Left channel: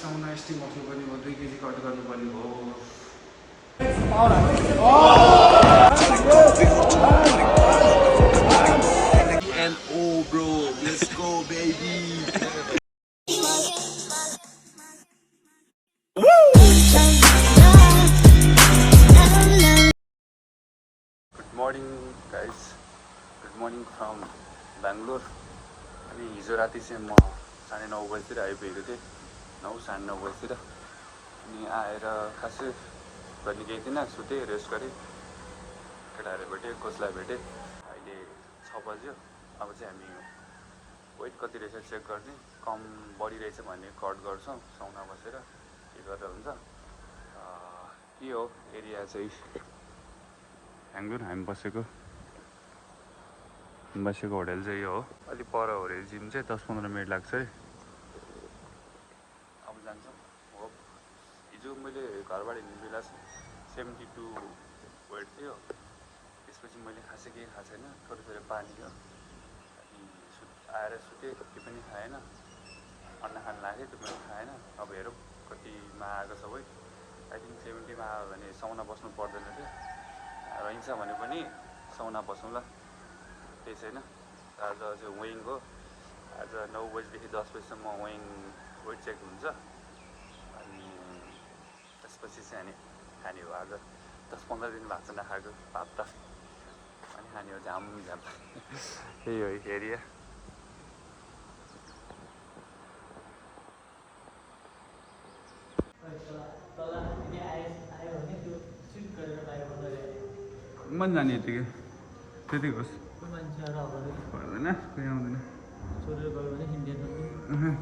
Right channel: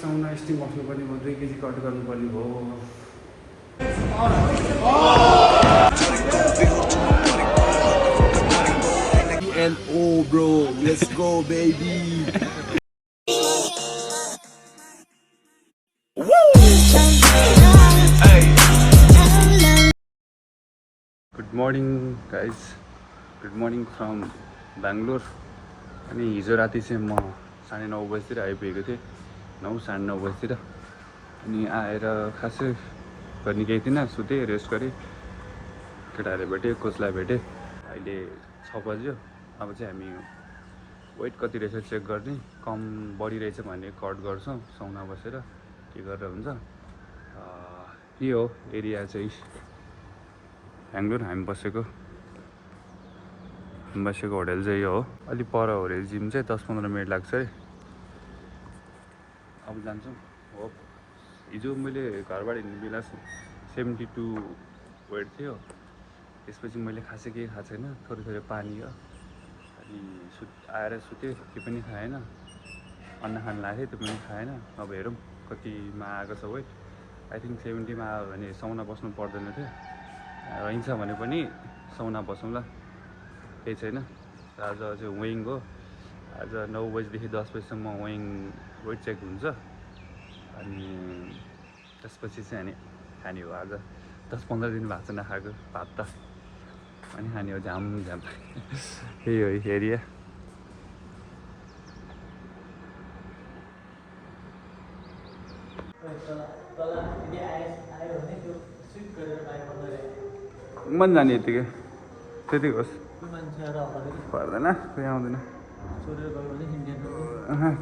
साउना steam बस्नुपर्ने भयो 2 KG cut गर्नुपर्ने भयो UNO bro, let's go baby. Good morning guys good morning from Bangalore अनि हिजो राति चाहिँ म 9:30 बजीतिर आइपुगेको थिएँ 9 साढे 9 बजीतिर अनि आएर खासै गर्ने केही थिएन सुतेँ रेस्ट गरेँ केटाहरू भेटेँ कोचलाई भेटेँ अहिले 6 बज्यो अब चाहिँ हामी वेट कति रहेछ चेक गर्ने कम बढी रहेछ भने कट गर्छौँ साउना बसेर के गरेर हुन्छ यही हो एरिया चाहिँ बेङ्गलोर हामी बसेको होटल चाहिँ यो हो अलि पर हो अरे जिम चाहिँ 10-15 मिनट लाग्छ है अब जान्छौँ हो हिजो मैले घरबाट हिँड्ने बेला 72 वेट थियो त्यसपछि मैले खासै केही खाएको छैन थोरै पानी हो अनि आएर सुतेँ के पनि खाएन अन्न खान लाग्यो त्यो पनि खाएन अब हेरौँ कतिमा आएको छ वेट आई थिङ्क 70 मा आयो भने साउना बस्नु पर्दैन थियो रहन्छ भने पनि साउना बसौँला केही छैन आज चाहिँ वेइङ हो आज 9 बजीदेखि 10 बजीसम्म वेइङ वेट चेक हुन्छ अनि त्यसपछि चाहिँ अनि खाने हो आज 10-15 दिन भएको छ नखाएको भात त अनि खाने हो झाम यही हो एरिया मन जाने यतिकै त्यतिको होस् पर्दैन कोही आउँदैन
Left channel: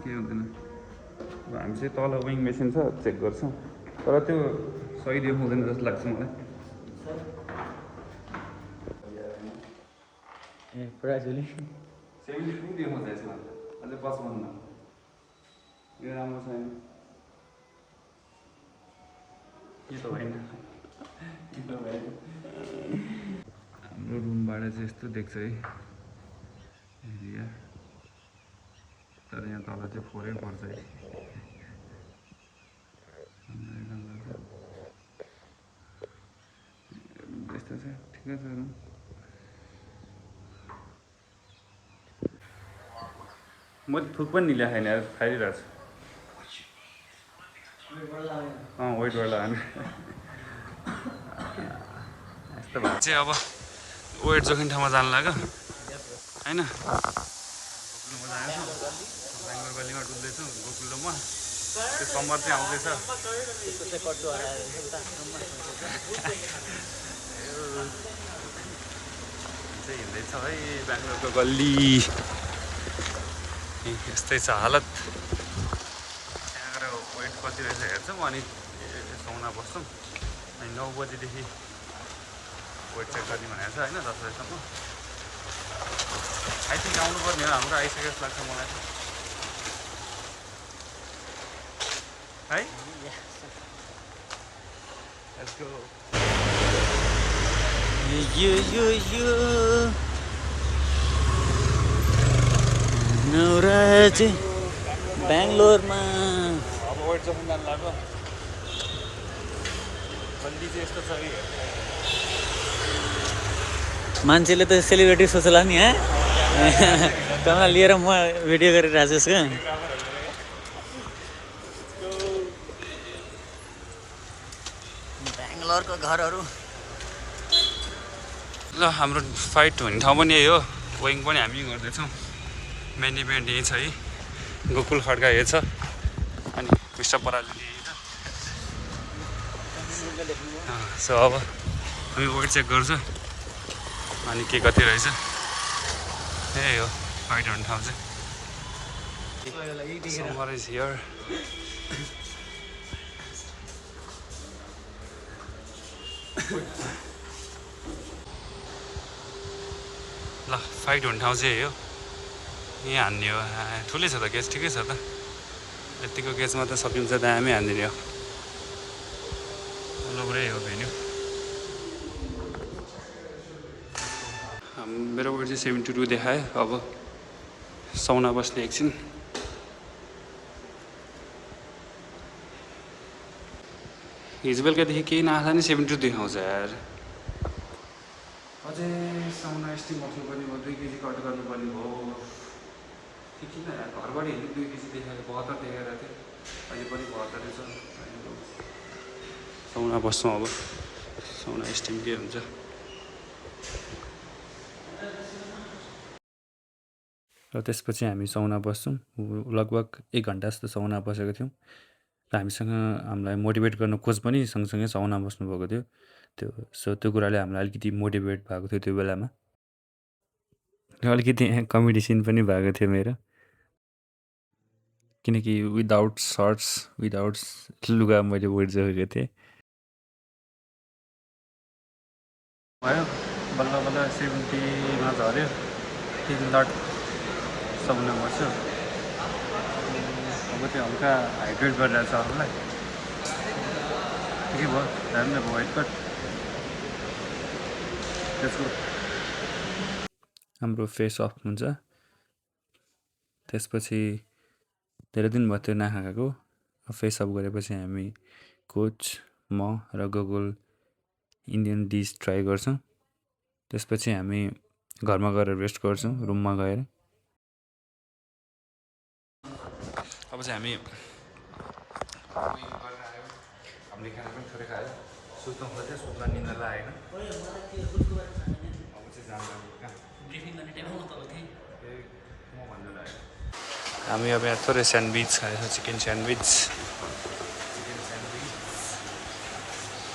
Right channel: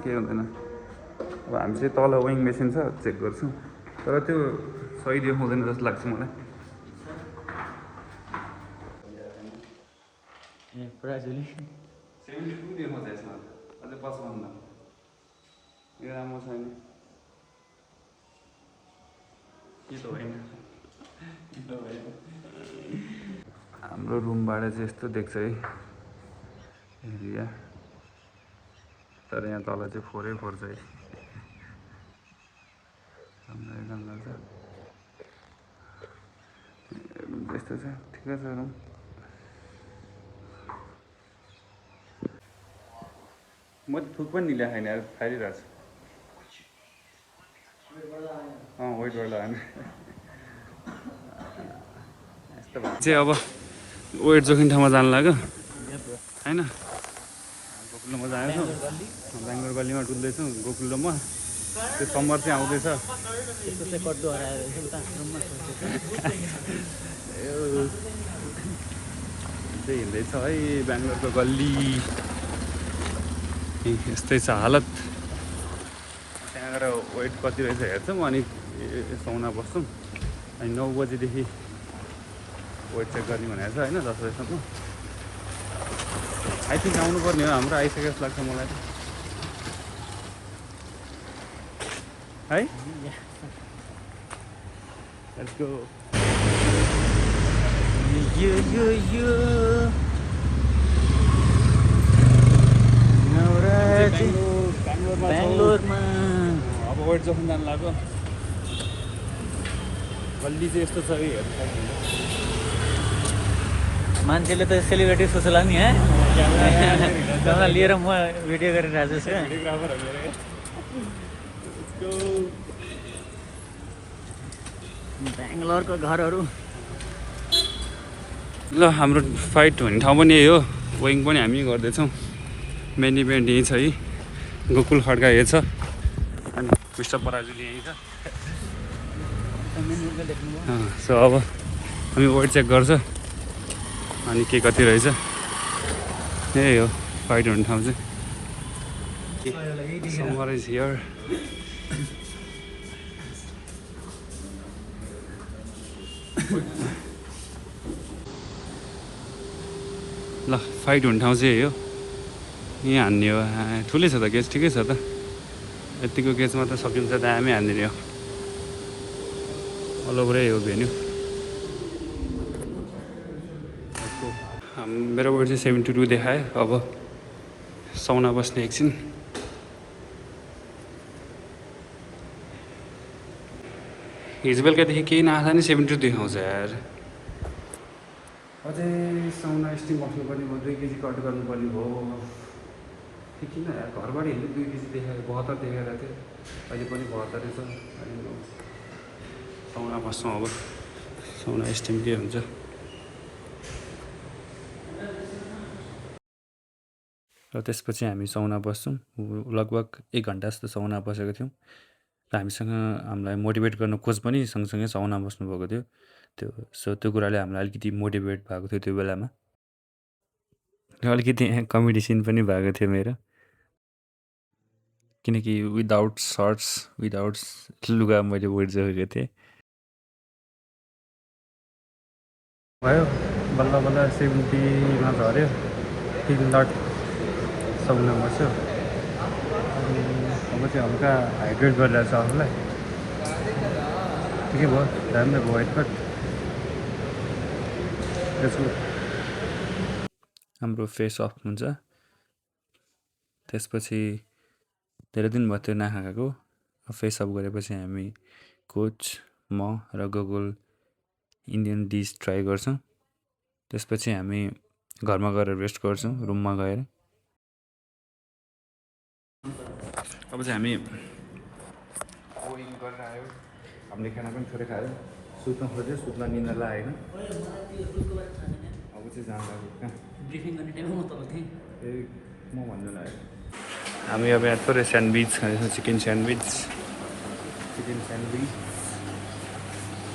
केही हुँदैन अब हामी चाहिँ तल विङ मेसिन छ चेक गर्छ तर त्यो सही देखाउँदैन जस्तो लाग्छ मलाई प्राइजले 72 देखाउँछ यसमा अझै 55 यो राम्रो छैन के त होइन हाम्रो रुमबाट चाहिँ यस्तो देख्छ है एरिया तर यहाँ तल चाहिँ फोरै पर्छ है त्यस्तो छ ठिकै छ रुम म थुक पनि निल्या खाइन खाइरहेको छु वेटबाट लगाने यस्तो भएको चाहिँ अब वेट जोख्ने ठाउँमा जानु लाग्यो होइन गोकुलमा जानेछु बेङ्गलोर गल्लीमा डुल्दैछु गोकुल म त्यो समर चाहिँ आउँदैछ चाहिँ हिँड्दैछ है बेङ्गलोरको गल्ली यस्तै छ हालत त्यहाँ गएर वेट कति रहेछ हेर्छौँ अनि साउना बस्छौँ अनि 9 बजीदेखि वेट चेक गर्ने भनेको छ होइन 10 बजीसम्म आई थिङ्क आउनुपर्ने हो हाम्रो आइसक्यो जस्तो लाग्छ मलाई है Let's go. बेङ्गलोरमा अब वेट जोख्न जानु लाग्यो गल्ली चाहिँ यस्तो छ है हेर्नु सक्नुहुन्छ मान्छेले त सेलिब्रेटी सोच्ला नि है तँलाई लिएर म भिडियो गरिरहेको छु बेङ्गलोरको घरहरू ल हाम्रो फाइट हुने ठाउँ पनि यही हो वेइङ पनि हामी गर्दैछौँ मेन इभेन्ट यही छ है गोकुल खड्का यही छ अनि पुष्ट पराजुली यही छ सो अब हामी वेट चेक गर्छ अनि के कति रहेछ यही हो फाइट हुने ठाउँ चाहिँ समर इज हियर ल फाइट हुने ठाउँ चाहिँ यही हो यहाँ हान्ने हो ठुलै छ त गेज ठिकै छ त यतिको गेजमा त सकिन्छ दामी हान्दिने हो ओभरै हो भेन्यू मेरो वेट चाहिँ 72 देखायो अब सौना बस्ने एकछिन। हिजो बेलुकादेखि केही नआएको नि 72 देखाउँछ यार। अझै साउना स्टिम बस्नुपर्ने भयो, 2 केजी कट गर्नुपर्ने भयो। ठिक छैन यार, घरबाट हिँड्नु 2 केजी देखाएको 72 देखाएको थियो, अहिले पनि 72 छ। साउना बस्छौँ अब, साउना स्टिम के हुन्छ। र त्यसपछि हामी साउना बस्छौँ। लगभग 1 घन्टा जस्तो साउना बसेको थियौँ र हामीसँग हामीलाई मोटिभेट गर्न कोच पनि सँगसँगै साउना बस्नुभएको थियो। त्यो कुराले हामीलाई अलिकति मोटिभेट भएको थियो त्यो बेलामा। र अलिकति कमेडी सिन पनि भएको थियो मेरो, किनकि विदाउट सर्ट्स विदाउट लुगा मैले उडिसकेको थिएँ। भयो बल्ल बल्ल 70मा झऱ्यो। 3 लट साउना बस्यो। अब चाहिँ हल्का हाइड्रेट गरिरहेको छ आफूलाई। ठिकै भयो, राम्रो भयो वाइट कट। त्यसको हाम्रो फेस अफ हुन्छ। त्यसपछि धेरै दिन भयो त्यो नखाएको। फेस अफ गरेपछि हामी कोच, म र गोगल इन्डियन डिस ट्राई गर्छौँ। त्यसपछि हामी घरमा गएर रेस्ट गर्छौँ, रुममा गएर। अब चाहिँ हामी गरेर आयो, हामीले खाना पनि थोरै खायो, सुत्न खोज्यो, सुत्न निन्द्रा लागेन। अब चाहिँ जाँदा कहाँ ब्रिफिङ गर्ने टाइममा म तल थिएँ। म भन्नु लाग्यो। हामी अब यहाँ थोरै स्यान्डविच खाँदैछौँ, chicken sandwich.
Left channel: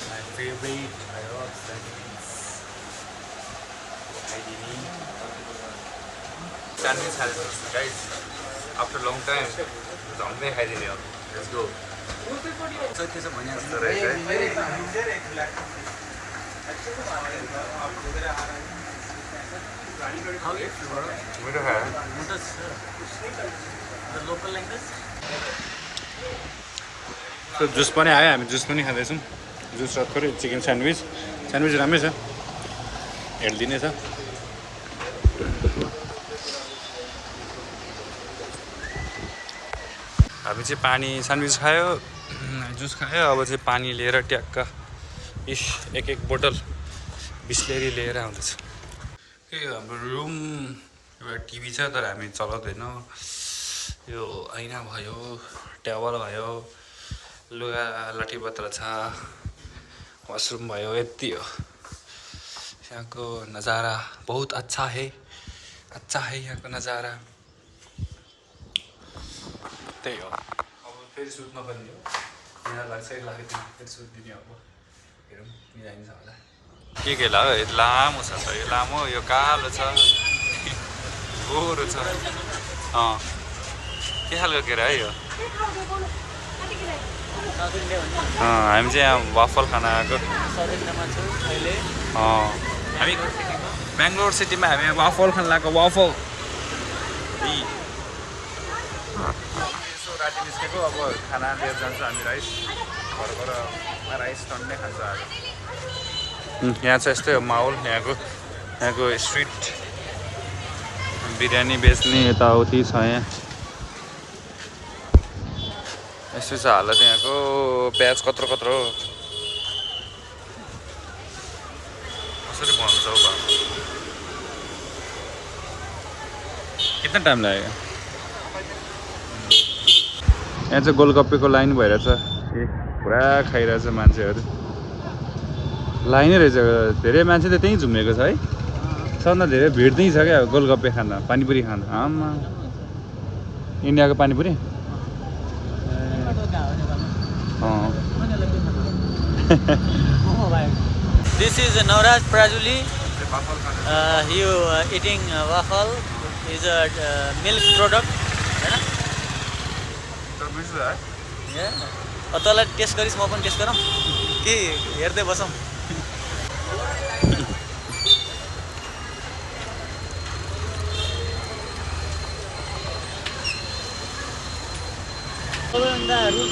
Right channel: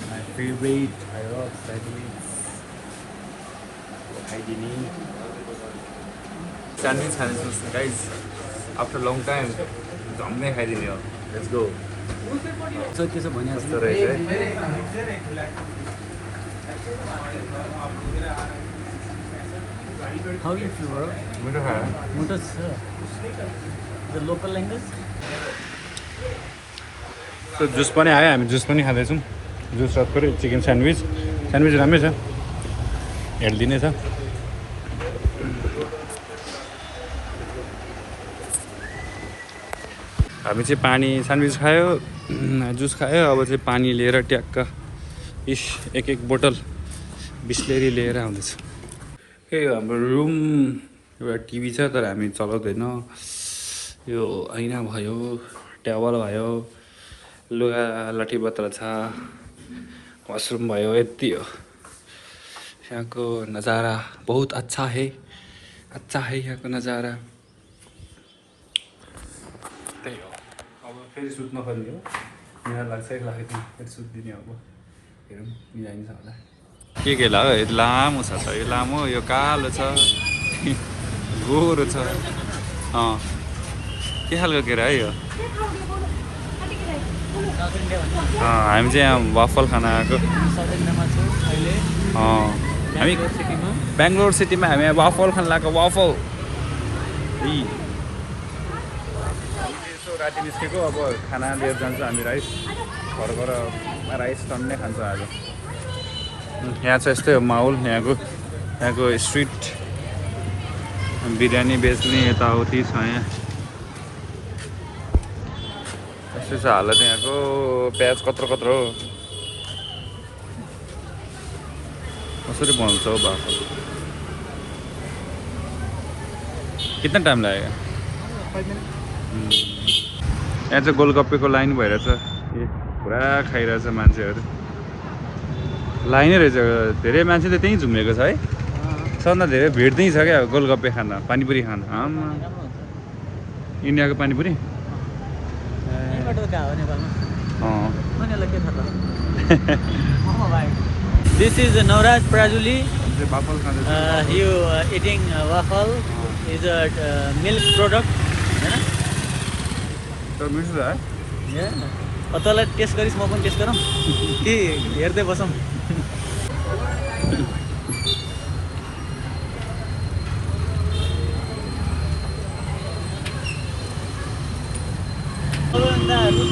My favourite. I love sandwich. Sandwich खाँदैछौँ गाइज, आफ्टर लङ टाइम। झम्मै खाइदिने हो। Let's go. के छ भनिहाल्छु रहेछ है। How you feel, bro? मिठो खायो। Mutas, the local language. Juice पनि आयो, हामी जुस पनि खाँदैछौँ। जुस र थोरै चिकन स्यान्डविच। स्यान्डविच राम्रै छ, हेल्दी नै छ। हामी चाहिँ पानी, स्यान्डविच खायो, जुस खायो। अब चाहिँ पानी लिएर ट्याक्क एक बोतल बिस्लेरी लिएर आउँदैछ। यो हाम्रो रुम एउटा टिभी छ, तर हामी चलाउँदैन। यो ऐना भयो, टेबल भयो, लुगा लट्ठी पत्र छ, वासरूम भयो, यति हो। यहाँको नज़ारा बहुत अच्छा है यहाँको नज़ारा। त्यही हो। अब फेरि सुत्न पर्ने हो। यहाँ लाग्छ फेरि सुत्दिने अब। हेरौँ मिलाइन्छ होला। के लाग्यो? यो लामो छ त, यो लामो, यो कालो छ, गोरो छ। के खालको केरा है यो? हामी चाहिँ यहाँ वाफल खान आएको। हामी बेङ्गलोर सिटीमा हामी वाफल खान आएको। वाफल यसो राति निस्केको। अब खाना लिएर जान्छ हामी। राइस घरबाट राइस टन्नै खान्छ आज। यहाँ चाहिँ यस्तै हो माहौल। यहाँको स्ट्रिट बिरयानी बेच्ने यताउति छ। यहाँ यस्तै छ हालत यहाँको। प्याज कत्रो हो। कसरी बनाउँछ हौ बाफल? कितना टाइम लाग्यो? यहाँ चाहिँ गोलगप्पेको लाइन भइरहेछ। पुरा खाइरहेछ मान्छेहरू। लाइनै रहेछ, धेरै मान्छे त त्यहीँ झुमेको छ है। सबभन्दा धेरै भिड त्यहीँ छ क्या गोलगप्पे खान, पानीपुरी खान। आमा, इन्डियाको panipuri. This is Nauraj Prajuli. Waffle खाँदैछ। He eating waffle is a milk product, हैन? तर मिठो है। तँलाई टेस्ट गरिस्, म पनि टेस्ट गरौँ कि हेर्दै बसौँ?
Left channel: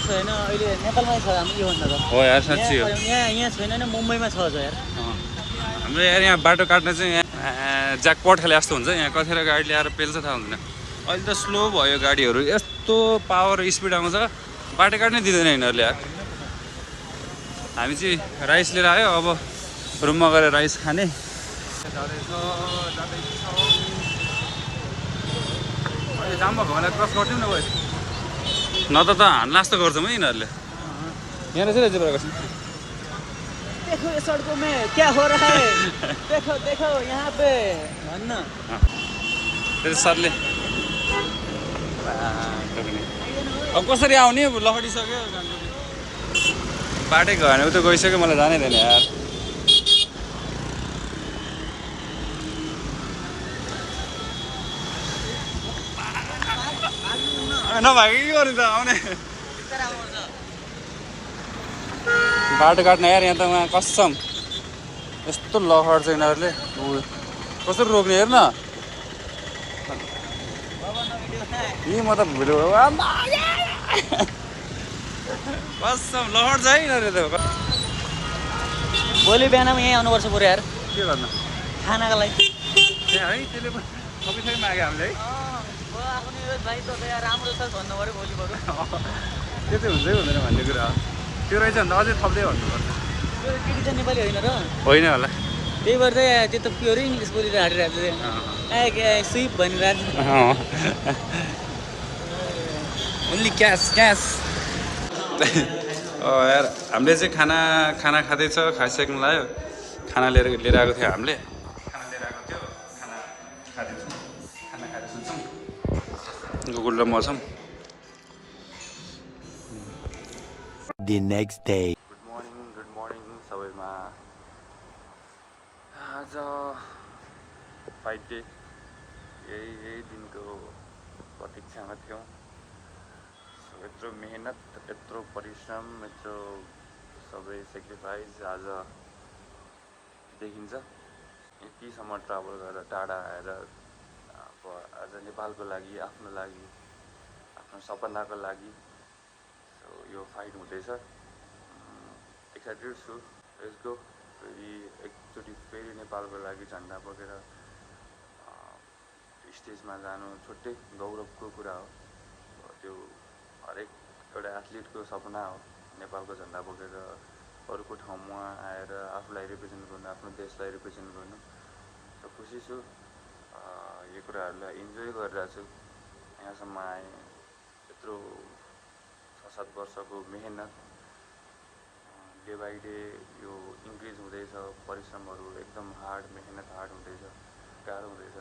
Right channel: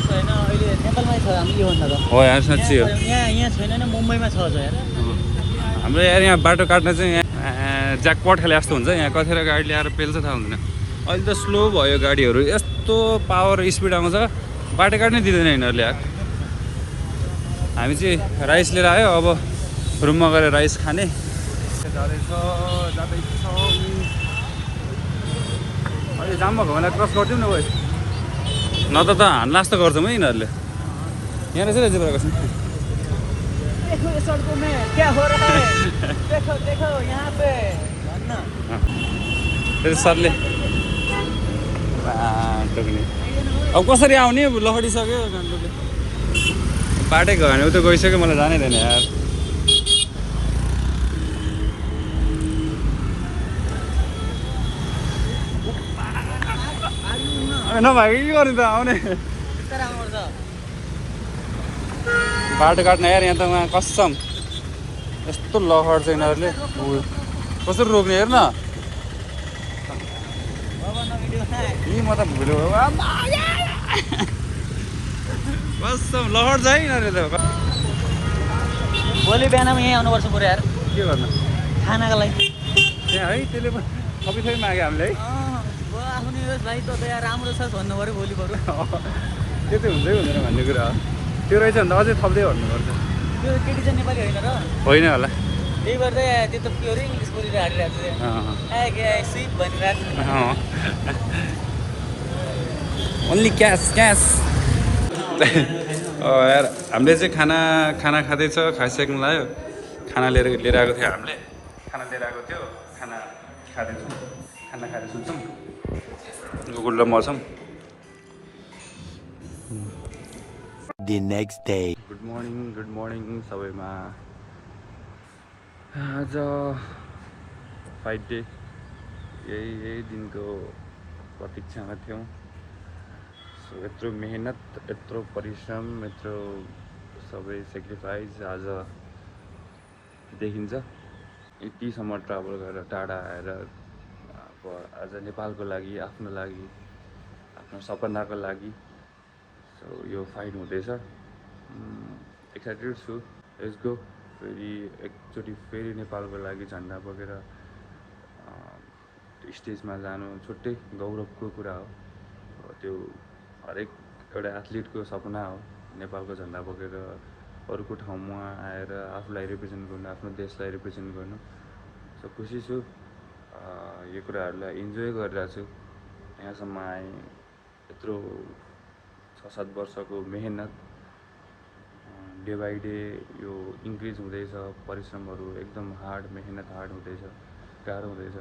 छैन अहिले नेपालमै छ हाम्रो योभन्दा त। हो यार, साँच्ची हो। यहाँ छैन नि, मुम्बईमा छ यार। हाम्रो यार यहाँ बाटो काट्न चाहिँ यहाँ ज्याकपट खेले जस्तो हुन्छ। यहाँ कतिवटा गाडी ल्याएर पेल्छ थाहा हुँदैन। अहिले त स्लो भयो गाडीहरू यस्तो पावर स्पिड आउँछ बाटो काट्नै दिँदैन यिनीहरूले यार हामी चाहिँ राइस लिएर आयो अब रुममा गएर राइस खाने जाँदैछौँ अहिले जाम भएको बेला क्रस गरिदिउँ न गयो न त हान्ला जस्तो गर्छौँ है यिनीहरूले त्यही सरले अब कसरी आउने लखडिसक्यो गान्तोकले बाटै गएन उता गइसक्यो मलाई जानै छैन यार नभएको के गर्नु त आउने बाटो काट्न यार यहाँ त उहाँ कसम यस्तो लखड्छ यिनीहरूले कसरी रोक्ने हेर न यी म त भुल्यो कसम लखड्छ है यिनीहरूले त भोलि बिहानमा यहीँ आउनुपर्छ पुरा यार के गर्नु खानाको लागि त्यहाँ है त्यसले थपी माग्यो हामीले है त्यो चाहिँ हुँदै हुँदैन भन्ने कुरा हो त्यो रहेछ भने त अझै थप्दै भन्नुपर्छ केटी चाहिँ नेपाली होइन र होइन होला त्यही भएर चाहिँ त्यो त प्योरै इङ्ग्लिस बोलेर हालिरहेको छ सिप भनिरहेको ओन्ली क्यास क्यास यार हामीले चाहिँ खाना खाँदैछ खाइसक्नु लाग्यो खाना लिएर आएको थियो हामीले खाना लिएर आएको थियो खाना खाँदैछौँ खाना खाएर सुन्छौँ गुगल र म छौँ The next day. Good morning सबैमा आज फाइट डे यही दिनको प्रतीक्षामा थियौँ सो यत्रो मेहनत यत्रो परिश्रम यत्रो सबै सेक्रिफाइस आज देखिन्छ यतिसम्म ट्राभल गरेर टाढा आएर अब आज नेपालको लागि आफ्नो सपनाको लागि सो यो फाइट हुँदैछ एक्साइटेड छु लेट्स गो एकचोटि फेरि नेपालको लागि झन्डा बोकेर स्टेजमा जानु छुट्टै गौरवको कुरा हो त्यो हरेक एउटा एथलिटको सपना हो नेपालको झन्डा बोकेर अरूको ठाउँमा आएर आफूलाई रिप्रेजेन्ट गर्नु आफ्नो देशलाई रिप्रेजेन्ट गर्नु सो खुसी छु यो कुराहरूलाई इन्जोय गरिरहेको छु यहाँसम्म आएँ यत्रो 6-7 वर्षको मेहनत डे बाई डे यो इन्क्रिज हुँदैछ परिश्रमहरू एकदम हार्ड हुँदैछ गाह्रो हुँदैछ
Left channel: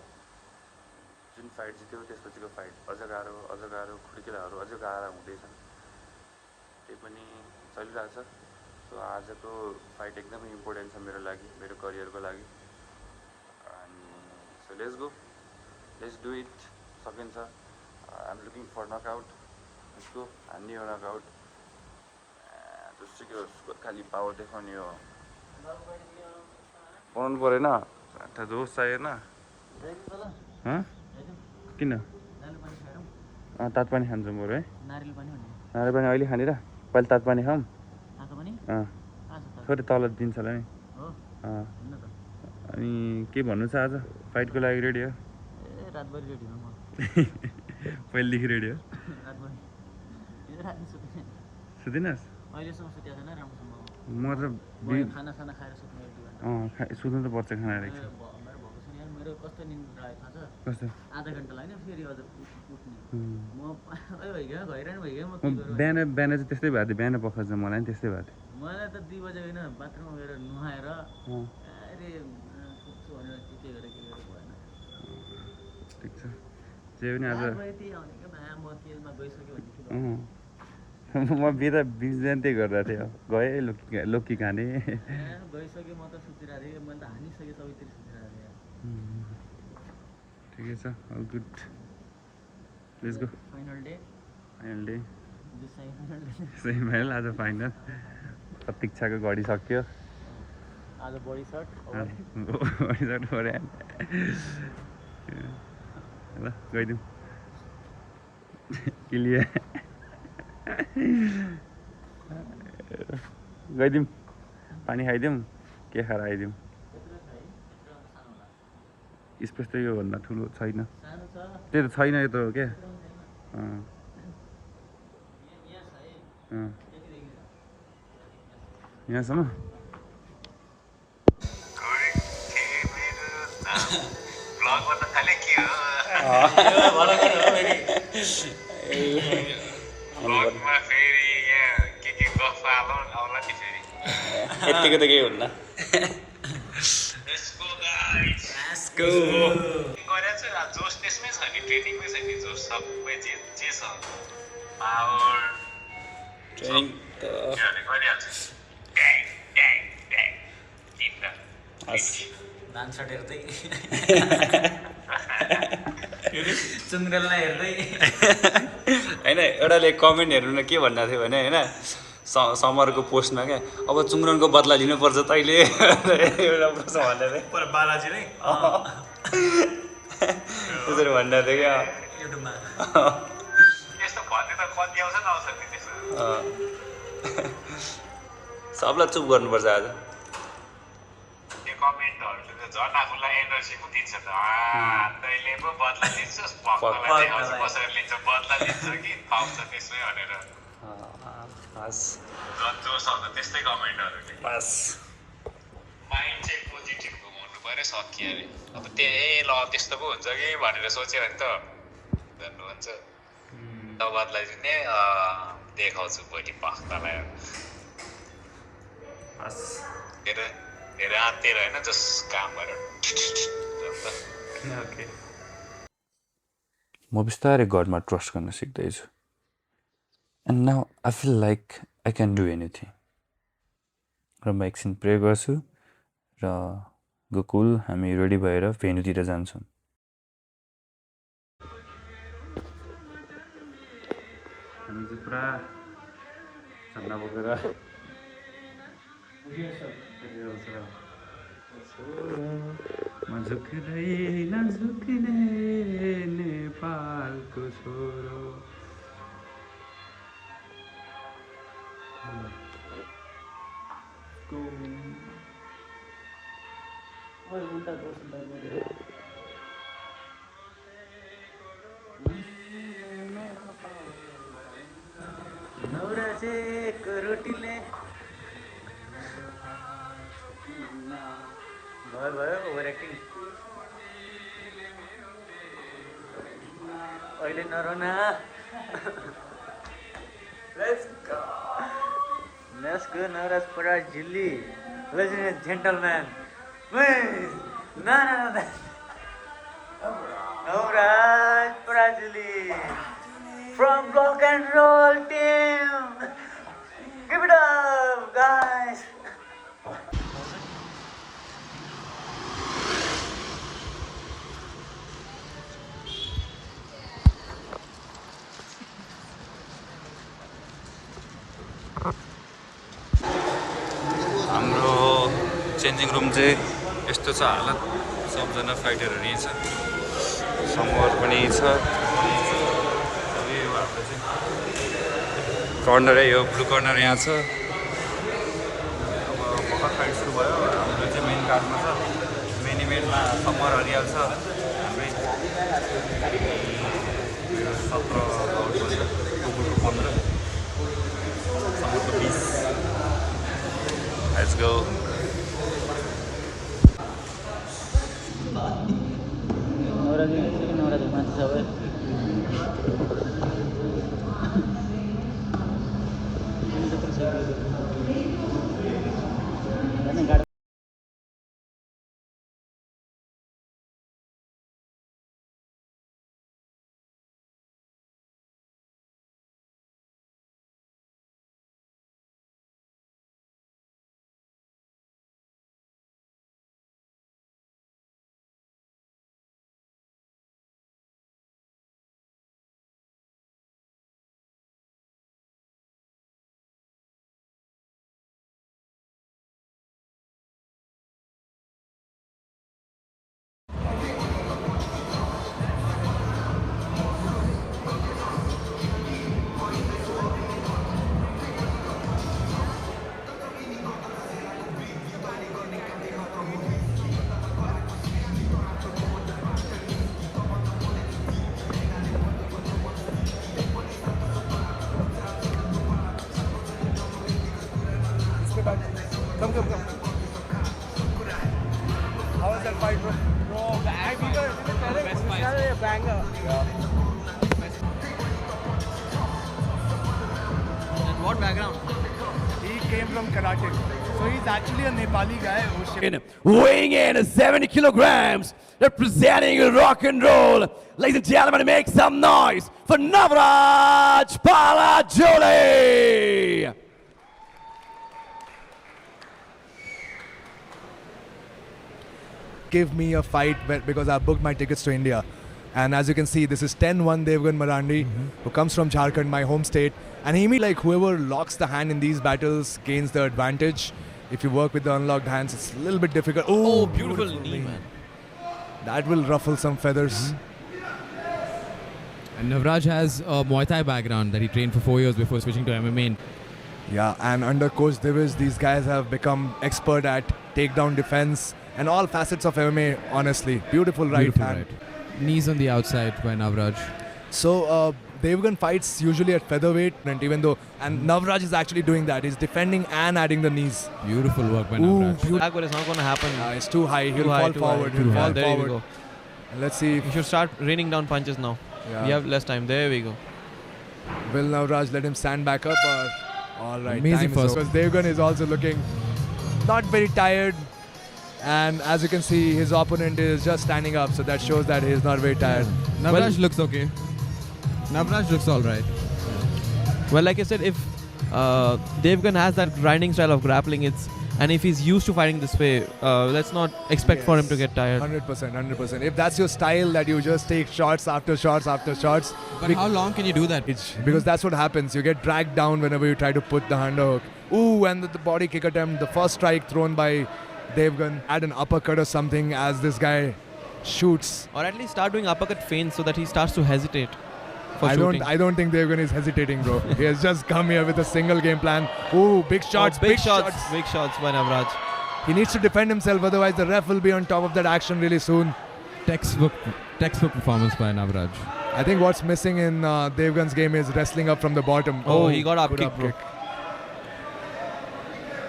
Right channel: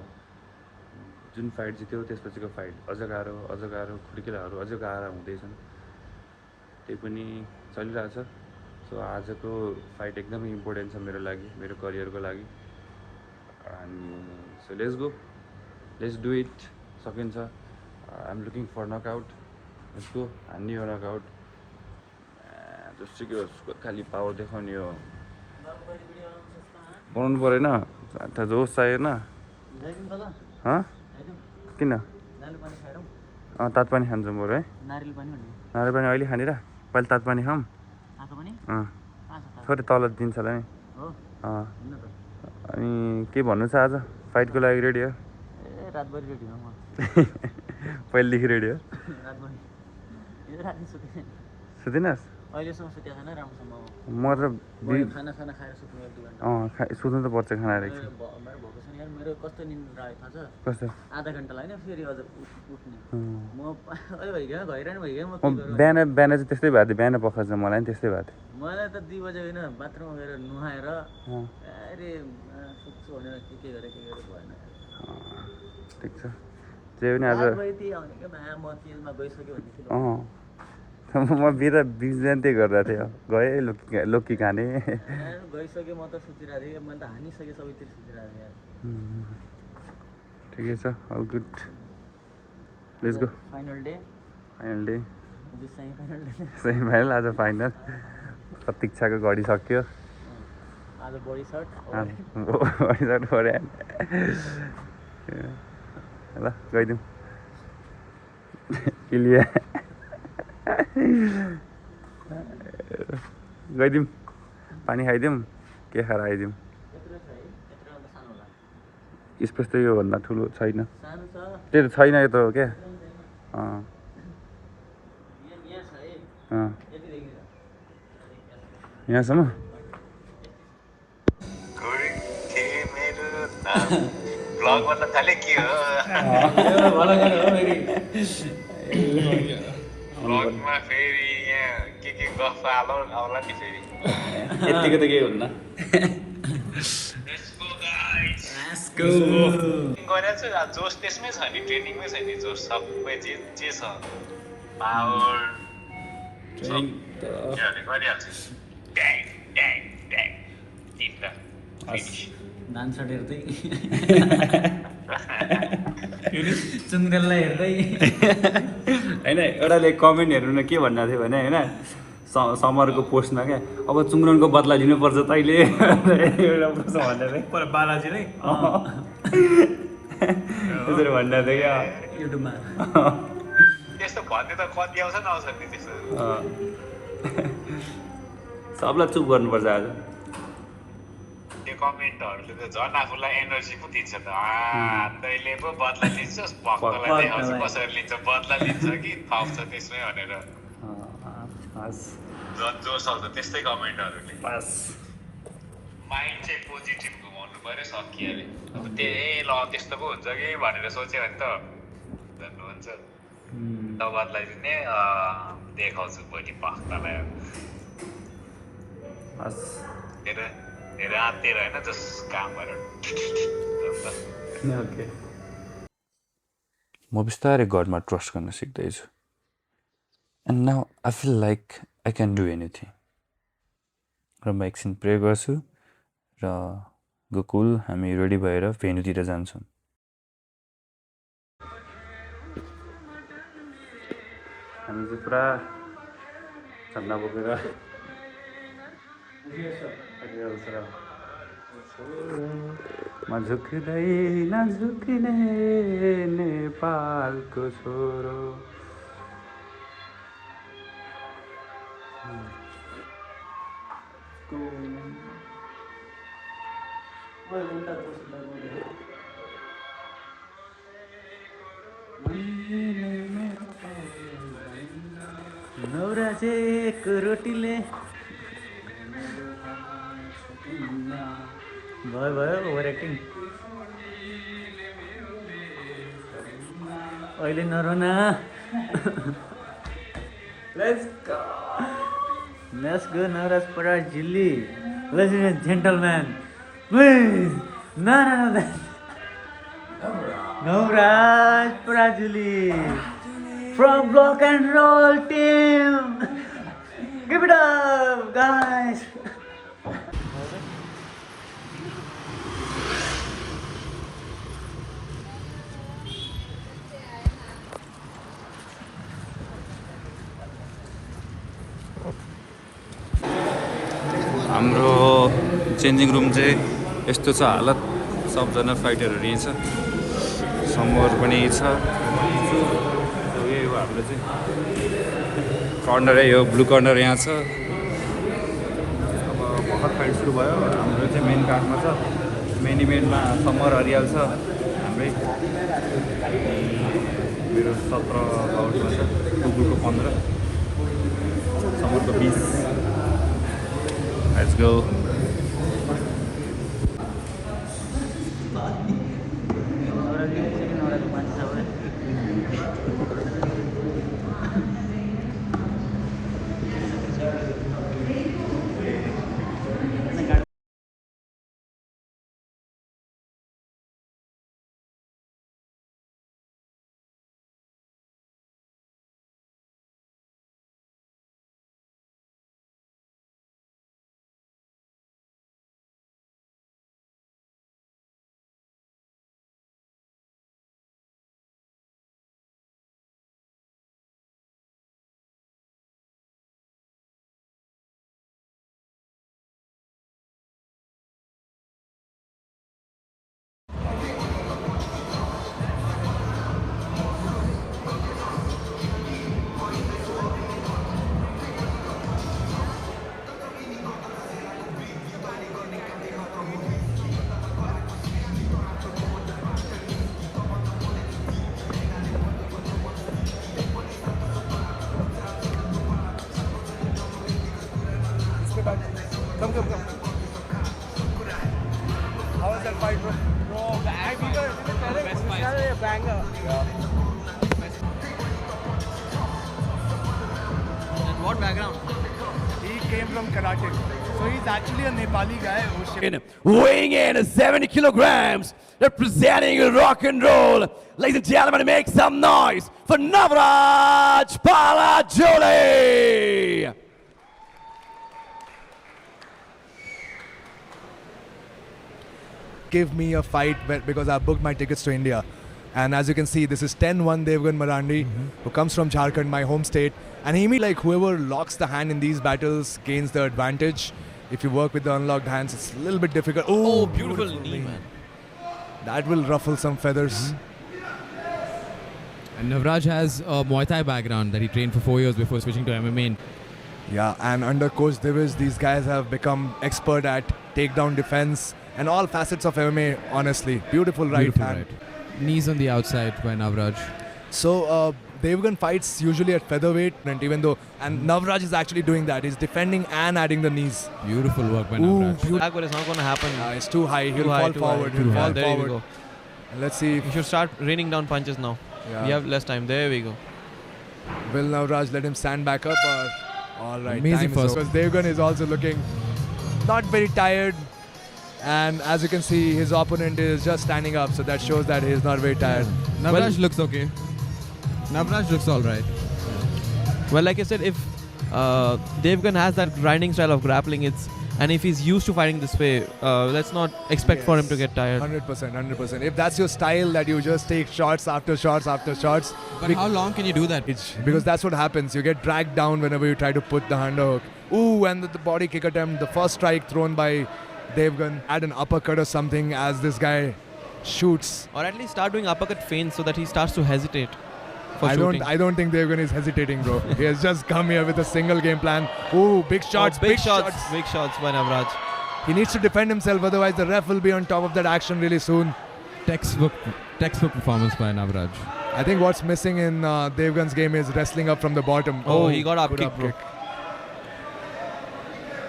जुन फाइट जित्यो त्यसपछिको फाइट अझ गाह्रो खुड्किलाहरू अझ गाह्रा हुँदैछन् त्यही पनि चलिरहेछ सो आजको फाइट एकदमै इम्पोर्टेन्ट छ मेरो लागि मेरो करियरको लागि अनि सो लेट्स डु इट सकिन्छ I am looking for knockout let's go हान्ने हो नकआउट जस्तो कि खालि पावर देखाउने हो बनाउनु परेन त जोस चाहिएन किन तातो पानी खान्छौँ बरु है नारियल पानी अहिले खाने र पहिले तातो पानी खाऊँ थोरै तल दिन्छ होला नि अनि के भन्नु छ आज फाइटको लागि रेडी हो रातभरि रेडी हो म पहिलेदेखि रेडी हो सुतिनस् अहिलेसम्म सुतेको छैन राम्रोसँग म त खाना खाएर सुत्नु 1-2 घन्टा सुत्नु त पर्छ खाना मेरो भएको छैन यार मेरो कस्तो निन्द्र आयो थाहा छ कस्तो आधा घन्टा लाग्यो फेरि अझ उठ्ने म भइगयो घैरान भइगयो म बिहान चाहिँ त्यस्तै भएको थियो बिहान पख चाहिँ मलाई पनि त्यस्तै भएको थियो मलाई त 2 बजे होइन बाथरुममा गएर नुहाएर अरे सुत्छु भनेर के गरेर भएन ठिक छ जे पनि आज म तेलमा गइसक्यो भन्ने म बिहान त्यही गरिरहेको थियो गएँ लोकी खाने गइसक्यो म त सुतिरहेको थिएँ मैले त हानिसकेँ सबैतिर सुतिरहेको थिएँ ठिकै छ all good let's go final day semifinal आज फाइनल प्रतीक्षाको घडी सक्यो आज बडी सर्ट पऱ्यो ल गइदिउँ किलिया गइदिउँ पानी खाइदिउँ के खाएर आइदिउँ स्पेस त योभन्दा ठुलो छैन सानो छ त्यो त छैन यो त क्या यहाँ छ है यतिदेखि छ यहाँसम्म ब्लगमा त खालि के हो यो भलो गर हो फेरि ब्लगमा फेरि यहाँ के गफ हालौ आउला नि फेरि यतिको त केही हुन्न गरेको छु जोस त्यसमै छ नि ट्रेनिङमै छ नि जोस सबै जे छ पावर गरिहाल्छु ट्याङ ट्याङ ट्याङ तिनवटा डान्सर हेर्दै चुङ्रेललाई हेर्दै होइन एउटाले कमेन्टहरू के भन्दा थियो भने होइन समरको पोस्टमा क्या अब चुङ्रनको बदला लिनुपर्छ तैँले एउटा प्रश्न भन्दा थियो बालाजीले त्यसरी भन्दा थियो क्या युट्युबमा त्यस्तो भन्ने त कति आउँछ नआउँछ नि त्यस्तो सबलाई चुप गर्नुपर्छ आज त्यो कमेन्टहरूले त झन् आफूलाई एनर्जी पो दिन्छ त तैँले पो बदला लिन्छस् भक्तलाई देखाउँछ कसरी लिन्छ बदला लिन्छ कि थप्छ त्यसमै भनेर झन् जोस आउँछ त्यस्तै कमेन्टहरूले माइन्ड चाहिँ पोजिटिभ हुनु पऱ्यो सकिहाल्यो अब ल त्यस्तो पो हुन्छ कि भनेर सोच्यो भने त झन् हुन्छ बदलाई दिने देखाउँछु भोलि भक्तलाई धेरै आत्तिएर होइन जस काम गरेर ओके म बिस्तारै गडमा ट्रस्ट गर्न सिक्दैछु and now I feel like I can do anything र म एकछिन प्रे गर्छु र गोकुल हामी रेडी भएर भेन्यूतिर जान्छौँ हामी चाहिँ पुरा झन्डा बोकेर म झुक्दै नझुक्ने नेपालको छोरो नौराजेको रोटीले भयो ओभर एक्टिङ अहिले Noronha Let's go Navraj Parajili. Ladies and gentlemen, please. No. Navraj Parajili from Rock and Roll team. Give it up, guys. हाम्रो चेन्जिङ रुम चाहिँ यस्तो छ हालत सबजना फाइटरहरू यहीँ छ समर पनि छ यही हो हाम्रो चाहिँ कर्नरै हो ब्लू कर्नर यहाँ छ अब भर्खर फाइट सुरु भयो हाम्रो चाहिँ मेन कार्डमा छ मेन इभेन्टमा समर हरियाल छ हाम्रै मेरो 17 आउटमा छ गोकुलको 15 समरको 20 Let's go. banger. And what background? He came from karate. So he's actually a Nepali guy who's Weighing in 70 kilograms, representing rock and roll. Ladies and gentlemen, make some noise for Navraj Palajole. give me a fight because I booked my tickets to India. And as you can see, this is 10-1 Devgan Marandi, who comes from Jharkhand, my home state. And he means like whoever locks the hand in these battles gains the advantage. If you work with the unlocked hands, it's a little bit difficult. Oh, beautiful knee, man. That will ruffle some feathers. And Navraj has a Muay Thai background that he trained for 4 years before switching to MMA. Yeah, and under Coach Divish, these guys have become expert at takedown defense and all facets of MMA, honestly. Beautiful right hand. Knees on the outside by Navraj. So, Devgan fights usually at featherweight, and even though, and Navraj is actually doing that. He's defending and adding the knees. Beautiful work by Navraj. Backward is not going to happen. It's too high. He'll fall forward. He'll fall There we forward. go. And let's see. You should start raining down punches now. Yeah. We have less time. There we go. Will Navraj let him stand back up? Or all right. Amazing time is first. because Devgan is also looking not very tired. And as you can see, his opponent is just standing up, so that shows that he's not very tired. Navraj looks okay. Navraj looks alright. Well, like I said, if Devgan has that grinding style of grappling, and if he's used to fighting this way, let's not expect for him to get tired. 100%, 100%. If that's your style, that you just take shots after shots after shots. But how long can you do that? Because that's what happens. You get dragged down whenever you try to put the underhook. Ooh, and the body kick attempt, the first strike thrown by Devgan, add an uppercut or something as this guy shoots. Or at least start doing uppercut feints so that he starts to hesitate for I shooting. don't think Devgan is hesitating, bro. He has just come here with a single game plan. Ooh, big shots, big shots by Navraj. He needs to defend himself, otherwise the ref will be on top of that action really soon. Textbook performance by Navraj. I think what's missing in Devgan's game is wrestling up from the bottom. Oh, he got up good kick, bro.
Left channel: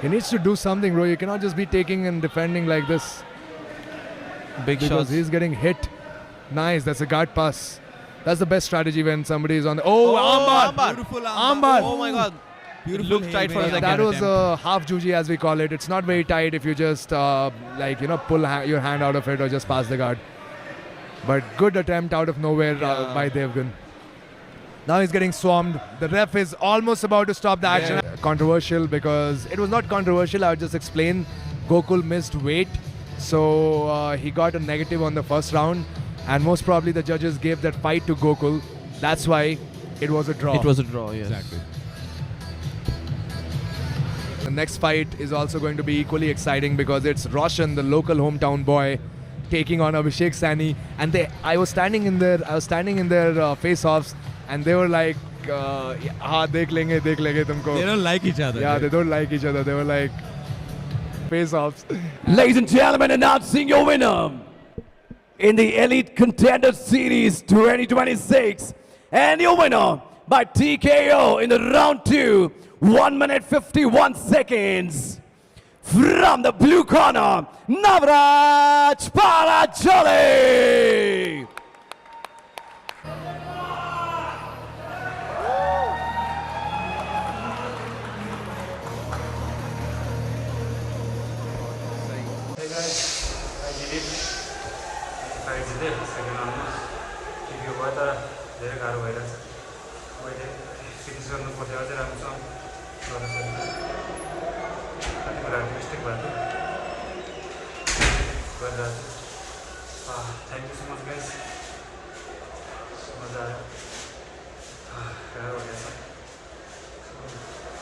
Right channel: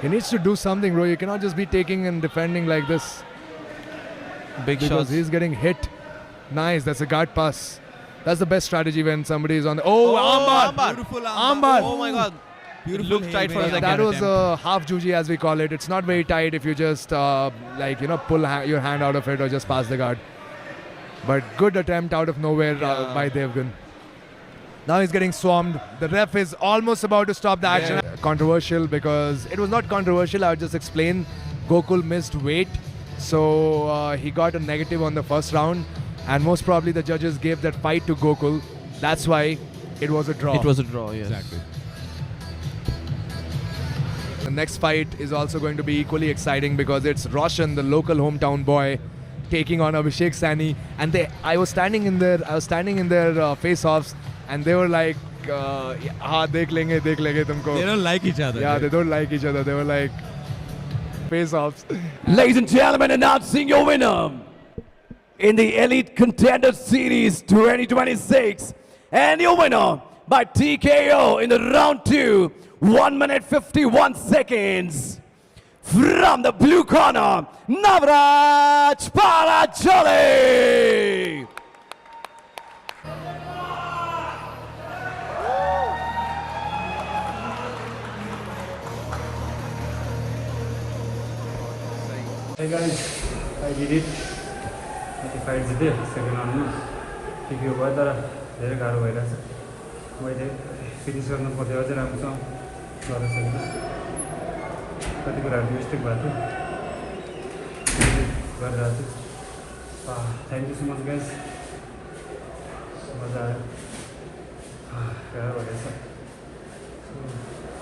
He needs to do something, bro. You cannot just be taking and defending like this. Big Because shots. he's getting hit. Nice, that's a guard pass. That's the best strategy when somebody is on the... Oh, armbar! Beautiful Armbar! Oh my god. Beautiful. Looked tight for a second. That was a half juji as we call it. It's not very tight if you just pull your hand out of it or just pass the guard. But good attempt out of nowhere by Devgan. Now he's getting swarmed. The ref is almost about to stop the action. Controversial because it was not controversial. I'll just explain. Gokul missed weight. So he got a negative on the first round. And most probably the judges gave that fight to Gokul. That's why it was a draw. It was a draw, yes. Exactly. The next fight is also going to be equally exciting because it's Roshan, the local hometown boy, taking on Abhishek Sani. And I was standing in their face-offs, and they were like, dekh lenge tumko. They don't like each other. Yeah, they don't like each other. They were like face-offs. Ladies and gentlemen, announcing your winner in the Elite Contender Series 2026. And your winner by TKO in the round 2, 1 minute 51 seconds. From the blue corner, Navraj Palajole. Hey guys, I did it. The fight जिते second round में TKO भयो तर धेरै गाह्रो भइरहेछ मैले finish गर्न पर्यो अझै राम्रोसँग गर्न सक्दिनँ कति कुराहरू मिस्टेक भएको थियो गरिरहेको छु thank you so much guys मजा आयो हेर भनेछ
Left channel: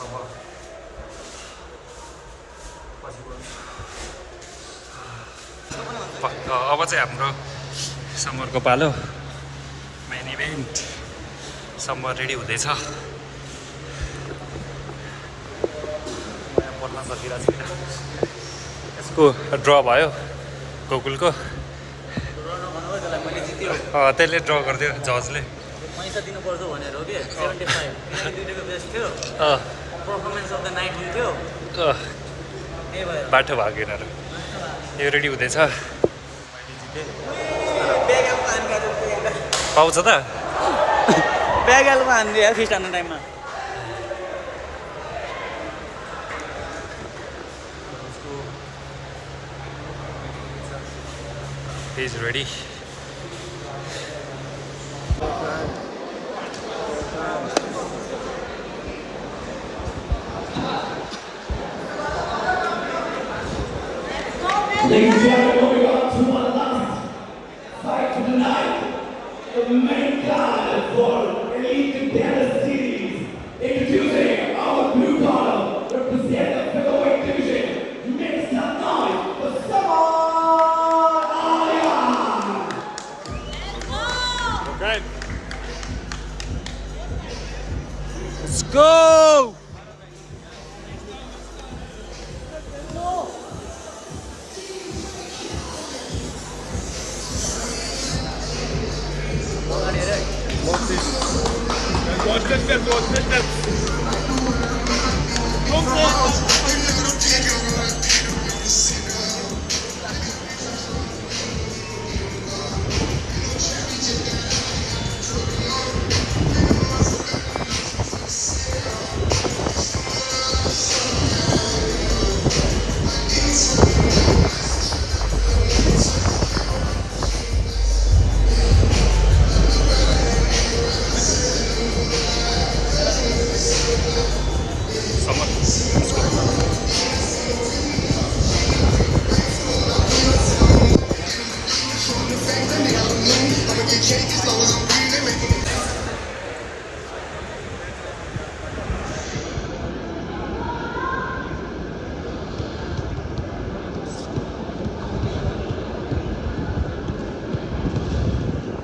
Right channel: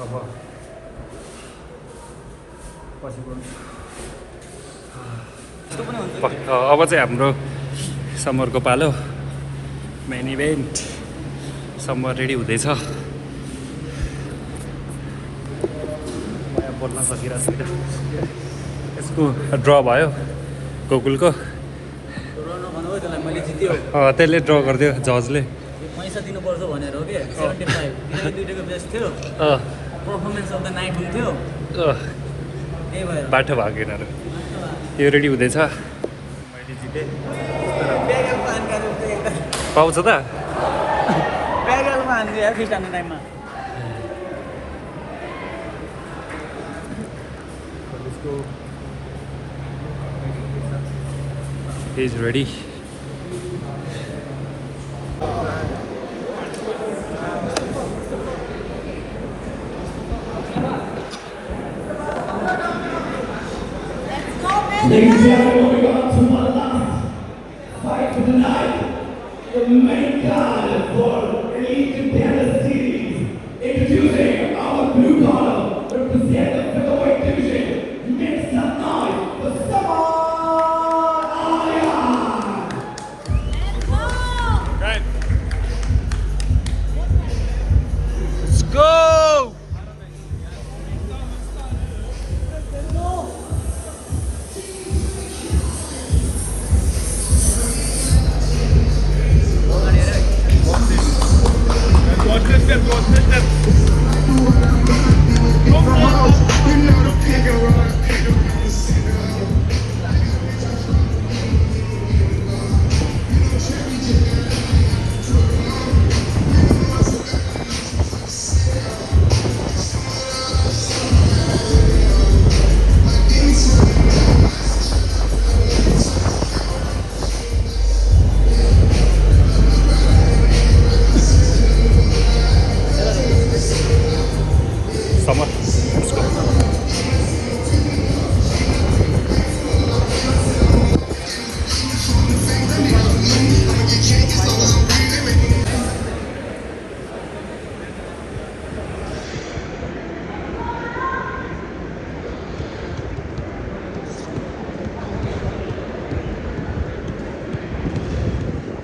अब पछि बोल्नु अब चाहिँ हाम्रो समरको पालो मेन इभेन्ट समर रेडी हुँदैछ म यहाँ बोल्न सकिरहेको छुइनँ यसको ड्र भयो गोकुलको त्यसले ड्र गरिदियो जजले पैसा दिनुपर्छ भनेर हो कि 75 दुईटैको बेस्ट थियो परफर्मेन्स अफ द नाइट हुन्थ्यो बाटो भएको यिनीहरू यो रेडी हुँदैछ मैले जितेँ पाउँछ त प्यागालमा हान्दियो यार फिस्ट हान्ने टाइममा He's ready. Let's go!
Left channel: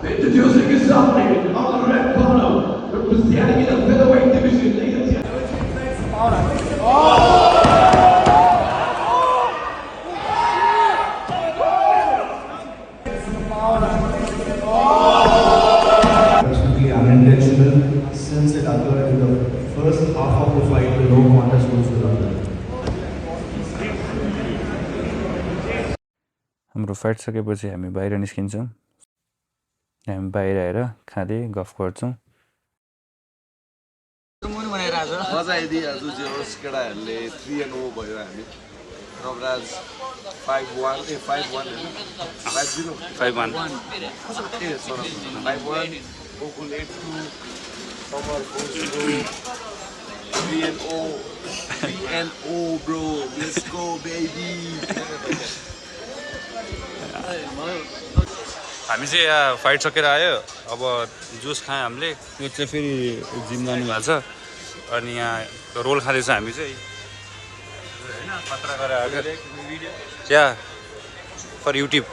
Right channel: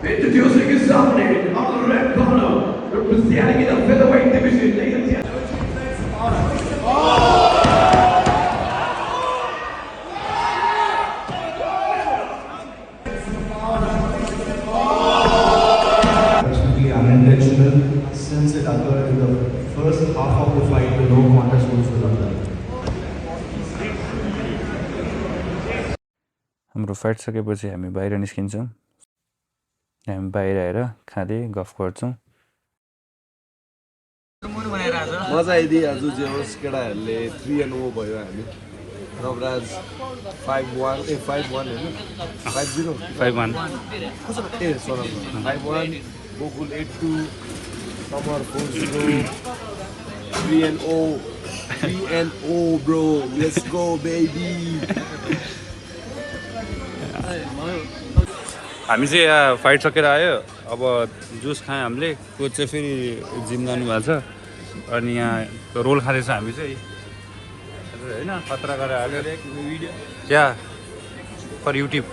Introducing his opponent on the red corner, representing in the featherweight division, ladies and Absolutely unintentional since it occurred in the first half of the fight. The no contest was with Abdul. हाम्रो fight सकेपछि हामी बाहिर निस्किन्छौँ हामी बाहिर आएर खाँदै गफ गर्छौँ मजा आइदियो आज जे होस् केटाहरूले 3-0 भयो हामी रबराज 5-1 ए 5-1 हैन 5-0 5-1 ए sir 5-1 Gokul 8-2 3-0 bro let's go baby हामी चाहिँ यहाँ फाइट सकेर आयो अब जुस खायौँ हामीले कोच चाहिँ फेरि जिम जानु भएको छ अनि यहाँ रोल खाँदैछ हामी चाहिँ होइन खतरा गरेर आएको क्या फर युट्युब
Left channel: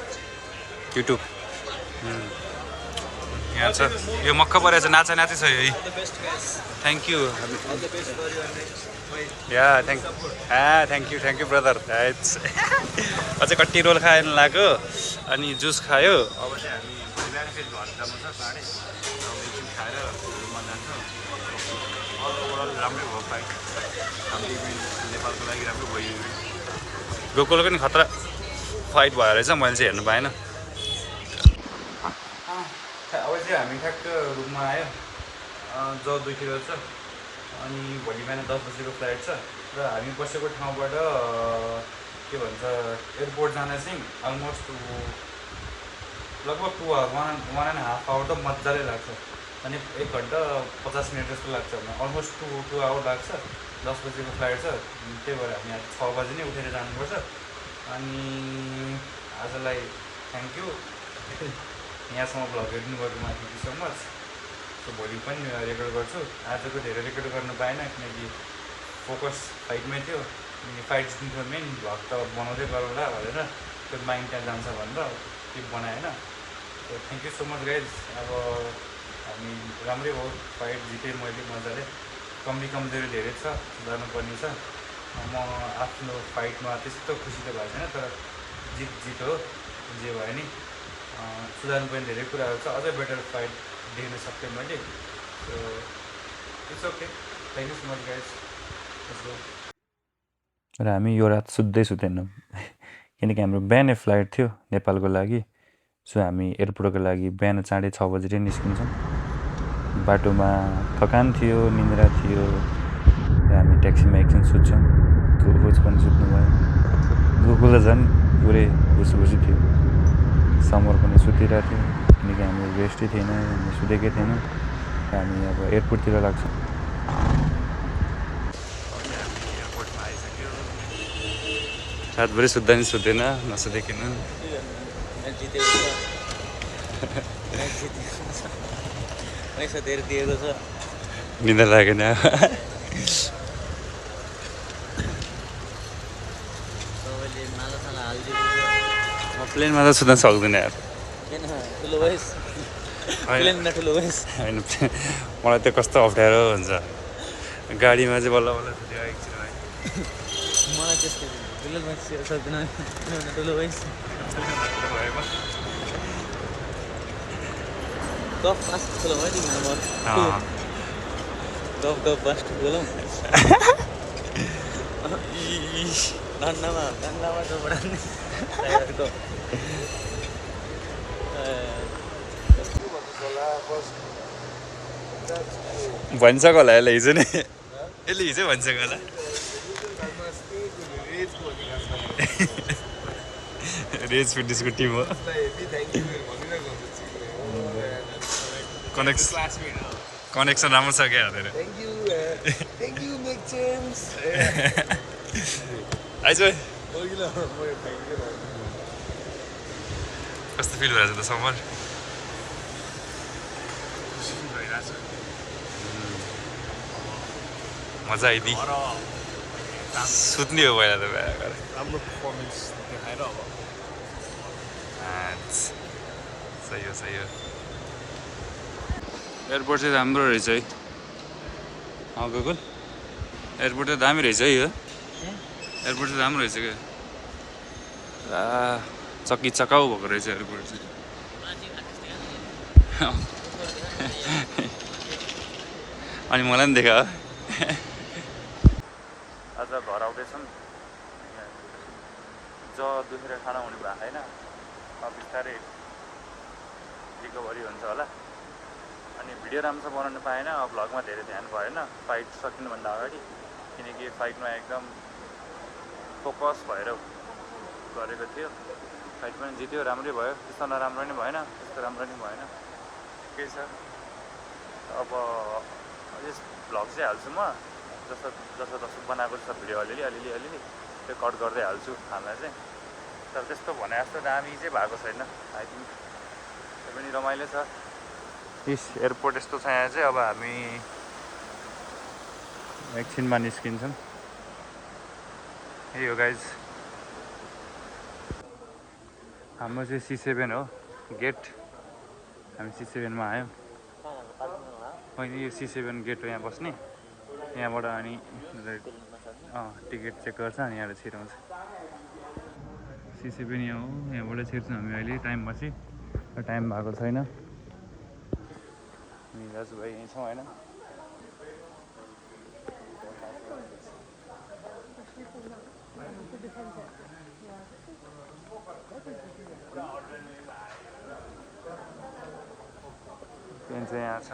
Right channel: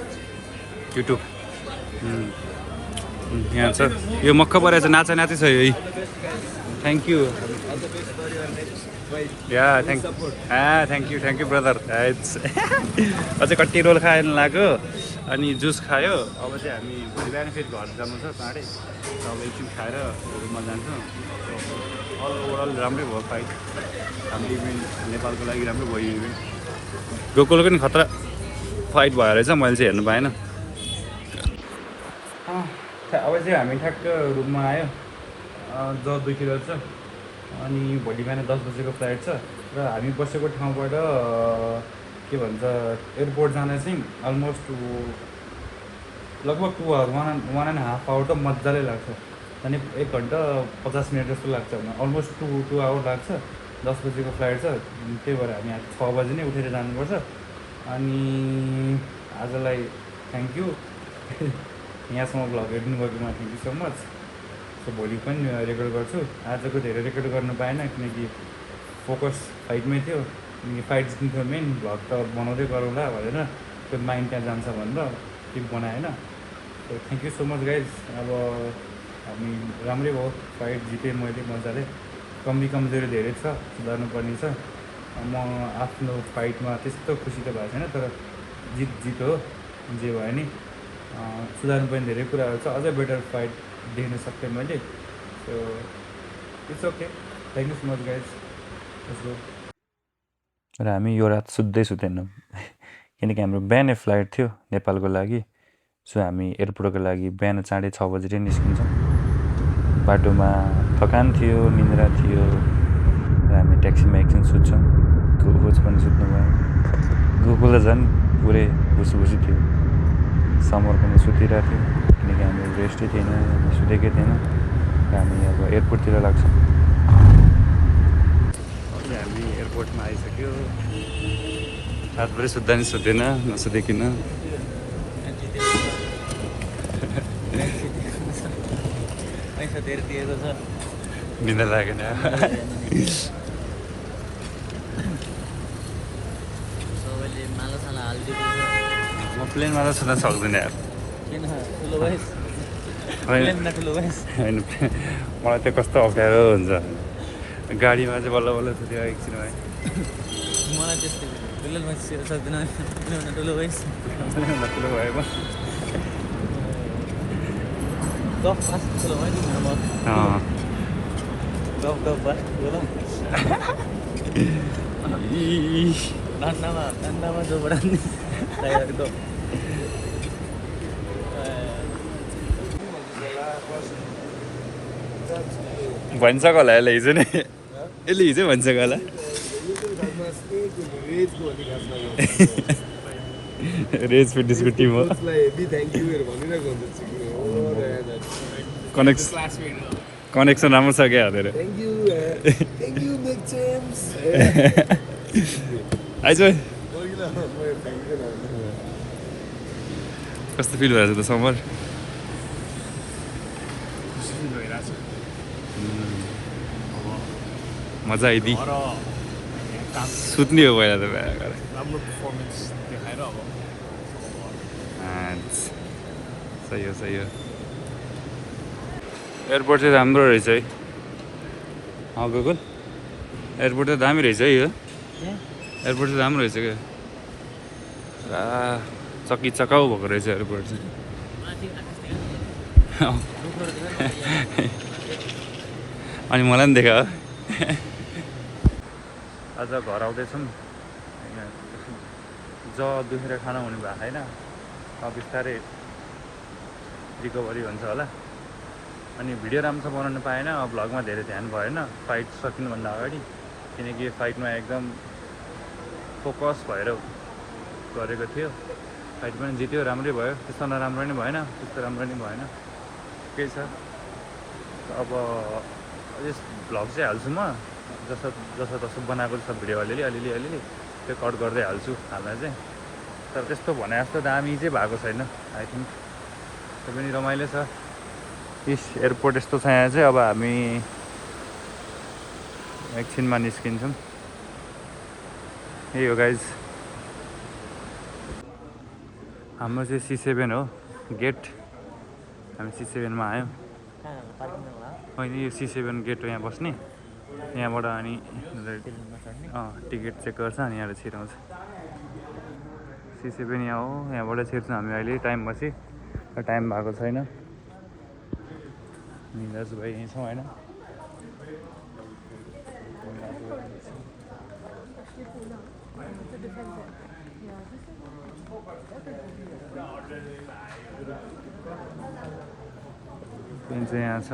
यहाँ छ यो मक्ख परेछ नाचा नाचै छ यो thank you yeah thank you brother अझै कति रोल खाएन लाग्यो अनि जुस खायो अब चाहिँ हामी भोलि बिहान फेरि घर जानु छ चाँडै अब एकछिन खाएर रुममा जान्छौँ अल ओभरअल राम्रै भयो फाइट हाम्रो इभेन्ट नेपालको लागि राम्रै भयो इभेन्ट गोकुलको नि खतरा फाइट भयो रहेछ मैले चाहिँ हेर्नु पाएन अब चाहिँ हामी ठ्याक्क रुममा आयो ज 2 किलो छ अनि भोलि बिहान 10 बजेको फ्लाइट छ र हामी बसेको ठाउँबाट के भन्छ एयरपोर्ट जान चाहिँ अलमोस्ट लगभग 2 आवर 1.5 आवर त मजाले लाग्छ अनि 1 घन्टा 50 मिनट जस्तो लाग्छ भने अलमोस्ट 2 आवर लाग्छ 10 बजेको फ्लाइट छ त्यही भएर हामी 6 बजे नै उठेर जानुपर्छ अनि आजलाई थ्याङ्क यू यहाँसम्म भ्लग हेर्नु भएकोमा thank you so much so भोलि पनि रेकर्ड गर्छु आजको धेरै रेकर्ड गर्न पाएन किनकि फोकस फाइटमै थियो अनि फाइट जित्नु मेन भ्लग त बनाउँदै गरौँला भनेर त्यो माइन्ड त्यहाँ जान्छ भनेर त्यो बनाएन so thank you so much guys अब हामी राम्रै भयो फाइट जितेँ मैले मजाले कमजोरी धेरै छ सुधार्नु पर्ने छ म आफ्नो फाइटमा त्यस्तो खुसी त भएको छैन तर जित हो जे भयो नि सुधार्नु पर्ने धेरै कुराहरू छ अझै बेटर फाइट देख्न सक्थेँ मैले so it's okay thank you so much guys र हामी यो रात सुत्दै सुतेनौँ किनकि हाम्रो बिहानै फ्लाइट थियो नेपालको लागि सो हामी एयरपोर्टको लागि बिहान चाँडै 6 बजेर निस्किन्छौँ। बाटोमा थकान थियो, निन्द्रा थियो र हामी ट्याक्सीमा एकछिन सुत्छौँ। कोच पनि सुत्नु भयो। गोकुल त झन् पुरै भुसुभुसी थियो। समर पनि सुतिरहेको थियो किनकि हाम्रो रेस्टै थिएन, हामी सुतेकै थिएनौँ र हामी अब एयरपोर्टतिर लाग्छौँ। अझै हामी एयरपोर्टमा आइसक्यो। रातभरि सुत्दा नि सुतेन, नसुतेकिन निन्द्रा लागेन। म प्लेनमा त सुत्न सक्दैन यार। होइन, मलाई त्यो कस्तो अप्ठ्यारो हुन्छ। गाडीमा चाहिँ बल्ल बल्ल सुत्यो एकछिन भयो। भनिसक्यो होला यसले हिजो नै, यसले हिजो भनिसक्यो होला। रेज फिटनेसको टिम हो। कनेक्सन राम्रो छ क्या हेरेर। आइज कस्तो फिल भइरहेछ त समर? मजा आइदियो। सुत्ने हो पहिला त सही हो सही हो। एयरपोर्ट चाहिँ राम्रो रहेछ है। गोकुल एयरपोर्ट त दामी रहेछ है यो। एयरपोर्ट चाहिँ राम्रो रहेछ क्या। चक्की चकाउ भएको रहेछ एयरपोर्ट चाहिँ। अनि मलाई पनि देखा। आज घर आउँदैछौँ। दुखेर खाना हुने भएको छैन। बिस्तारै रिकभरी हुन्छ होला। अनि भिडियो राम्रो बनाउनु पाएन, भ्लगमा धेरै ध्यान भएन फाइट सकिनुभन्दा अगाडि, किनकि फाइटमा एकदम फोकस भएर गरेको थियो। फाइट पनि जित्यो, राम्रै भयो। त्यस्तो नराम्रो नि भएन, त्यस्तो राम्रो नि भएन, केही छ। अब यस भ्लग चाहिँ हाल्छु म, जसो बनाएको सब भिडियो अलिअलि त्यो कट गर्दै हाल्छु हाल्दा चाहिँ। तर त्यस्तो भने जस्तो दामी चाहिँ भएको छैन आई थिङ्क। त्यो पनि रमाइलो छ। यस एयरपोर्ट यस्तो छ यहाँ चाहिँ। अब हामी एकछिनमा निस्किन्छौँ। यही हो गाइज, हाम्रो चाहिँ C7 हो गेट। हामी C7मा आयौँ। होइन यो C7 गेट हो, यहाँ बस्ने। यहाँबाट अनि टिकट चेक गर्छ अनि यहाँबाट छिराउँछ। C7 यहाँ हो, यहाँबाट छिर्छौँ हामी। अहिले टाइम पछि टाइम भएको छैन। दाजुभाइ यहीँ छौँ होइन। पेन चाहिँ यहाँ छ।